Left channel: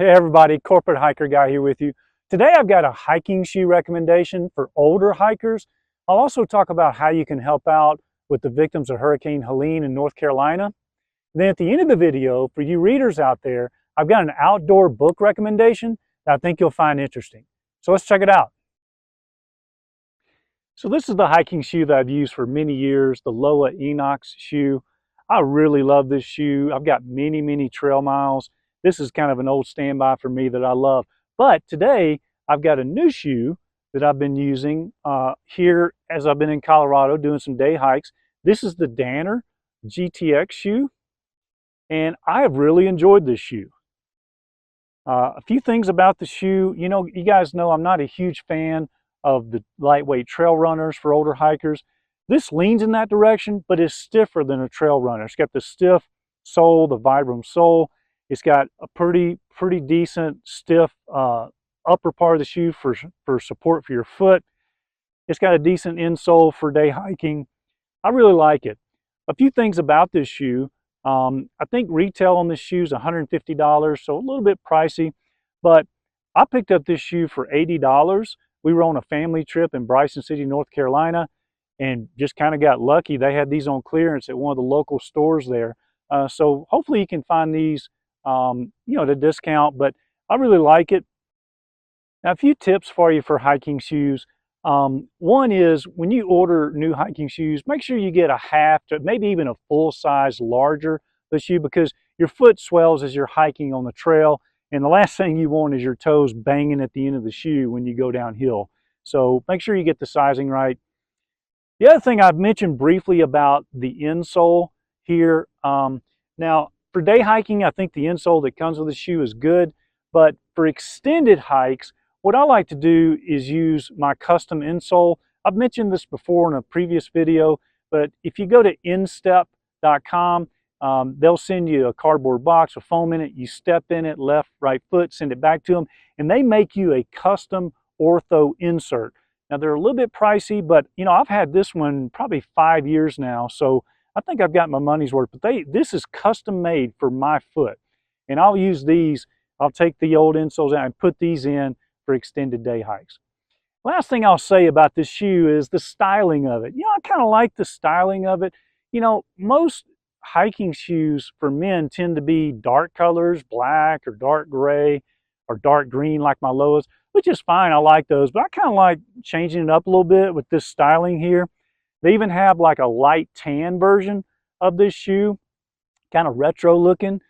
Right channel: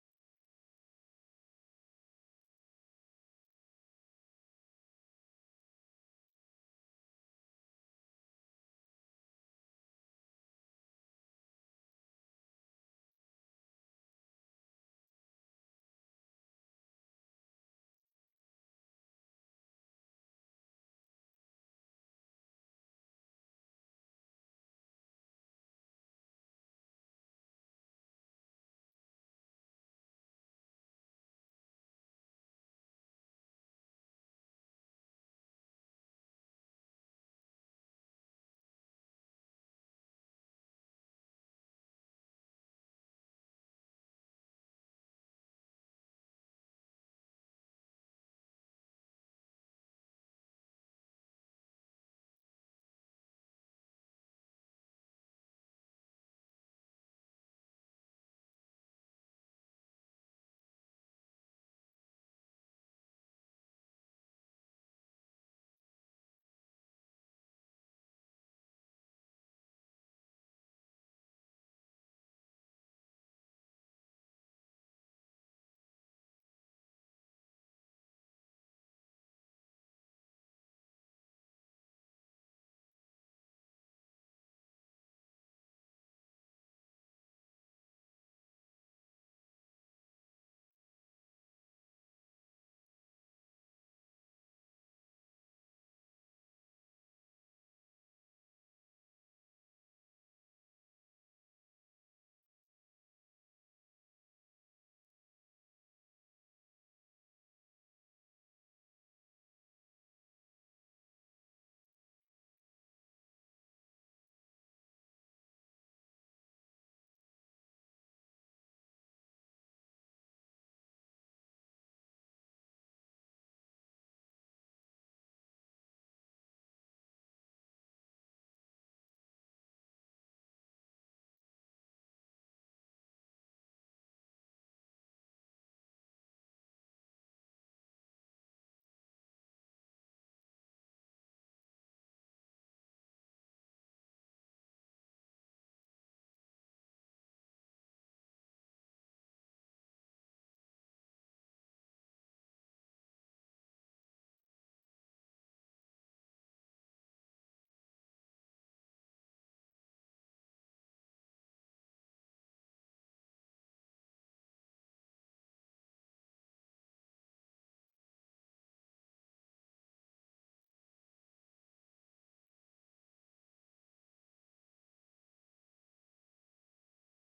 Hey everybody, Corporate Hiker Guy here with you. Today I've got a hiking shoe recommendation for older hikers. I'll also talk about how you can help out with the victims of Hurricane Helene in North Carolina. Then at the end of the video, for you readers out there, I've got an outdoor book recommendation that I think you'll find interesting. So let's check it out. So this is the hiking shoe that I've used for many years, the Loa Enox shoe. I really love this shoe. I've got many trail miles. This is kind of an old standby for me that I love. But today I've got a new shoe that I've been using here as I've been in Colorado doing some day hikes. This is the Danner GTX shoe, and I have really enjoyed this shoe. A few things about the shoe. You know, you guys know I'm not a huge fan of the lightweight trail runners for older hikers. This leans in that direction, but is stiffer than a trail runner. It's got the stiff sole, the Vibram sole. It's got a pretty decent stiff upper part of the shoe for support for your foot. It's got a decent insole for day hiking. I really like it. A few things about this shoe. I think retail on this shoe is $150, so a little bit pricey, but I picked up this shoe for $80. We were on a family trip in Bryson City, North Carolina, and just kind of got lucky. They had these on clearance at one of the local stores there. So hopefully you can find these, at a discount, but I really like it. Now, a few tips for you for hiking shoes. One is when you order new hiking shoes, make sure you get a half to maybe even a full size larger the shoe, because your foot swells as you're hiking on the trail. And the last thing you want is your toes banging at the end of the shoe when you go downhill. So make sure you get the sizing right. The other thing I've mentioned briefly about the insole here. Now, for day hiking, I think the insole that comes with the shoe is good. But for extended hikes, what I like to do is use my custom insole. I've mentioned this before in a previous video, but if you go to instep.com, they'll send you a cardboard box with foam in it. You step in it, left, right foot, send it back to them, and they make you a custom ortho insert. Now they're a little bit pricey, but I've had this one probably 5 years now, so I think I've got my money's worth. But this is custom made for my foot, and I'll use these. I'll take the old insoles out and put these in for extended day hikes. Last thing I'll say about this shoe is the styling of it. I kind of like the styling of it. Most hiking shoes for men tend to be dark colors, black or dark gray or dark green like my Loas, which is fine. I like those, but I kind of like changing it up a little bit with this styling here. They even have like a light tan version of this shoe, kind of retro looking.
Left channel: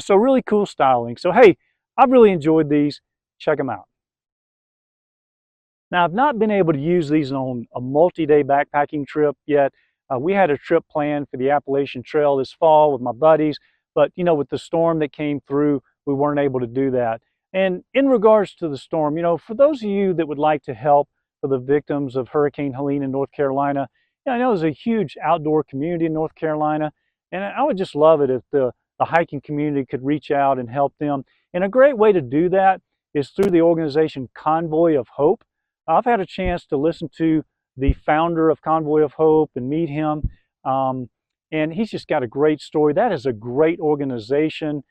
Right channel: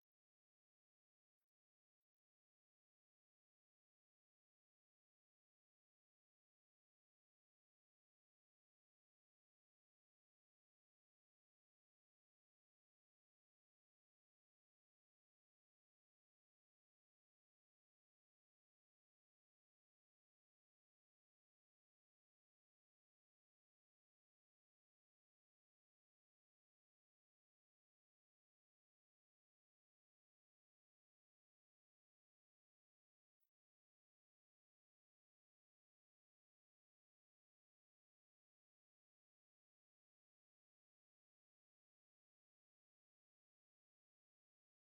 So really cool styling. So hey, I've really enjoyed these. Check them out. Now, I've not been able to use these on a multi-day backpacking trip yet. We had a trip planned for the Appalachian Trail this fall with my buddies, but with the storm that came through, we weren't able to do that. And in regards to the storm, for those of you that would like to help for the victims of Hurricane Helene in North Carolina, I know there's a huge outdoor community in North Carolina, and I would just love it if the hiking community could reach out and help them. And a great way to do that is through the organization Convoy of Hope. I've had a chance to listen to the founder of Convoy of Hope and meet him, and he's just got a great story. That is a great organization.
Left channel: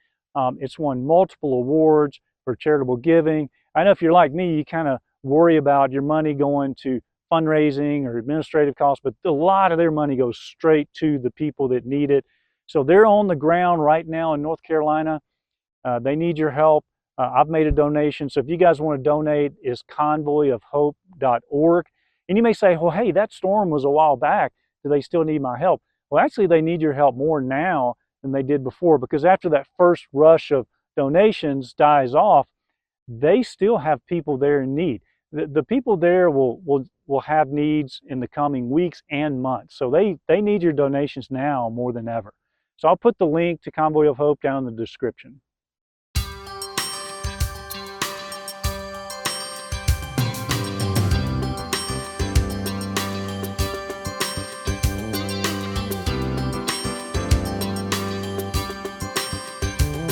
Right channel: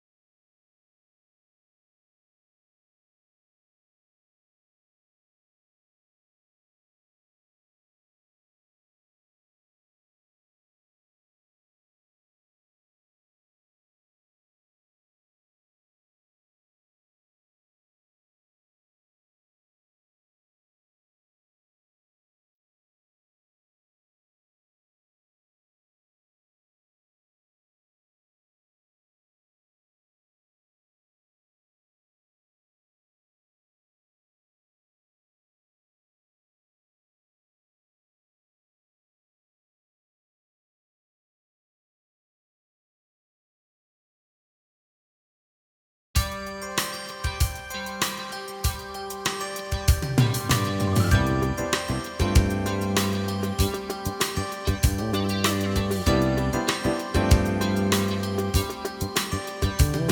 It's won multiple awards for charitable giving. I know if you're like me, you kind of worry about your money going to fundraising or administrative costs, but a lot of their money goes straight to the people that need it. So they're on the ground right now in North Carolina. They need your help. I've made a donation, so if you guys want to donate, it's convoyofhope.org. And you may say, well, hey, that storm was a while back. Do they still need my help? Well, actually, they need your help more now than they did before, because after that first rush of donations dies off, they still have people there in need. The people there will have needs in the coming weeks and months. So they need your donations now more than ever. So I'll put the link to Convoy of Hope down in the description.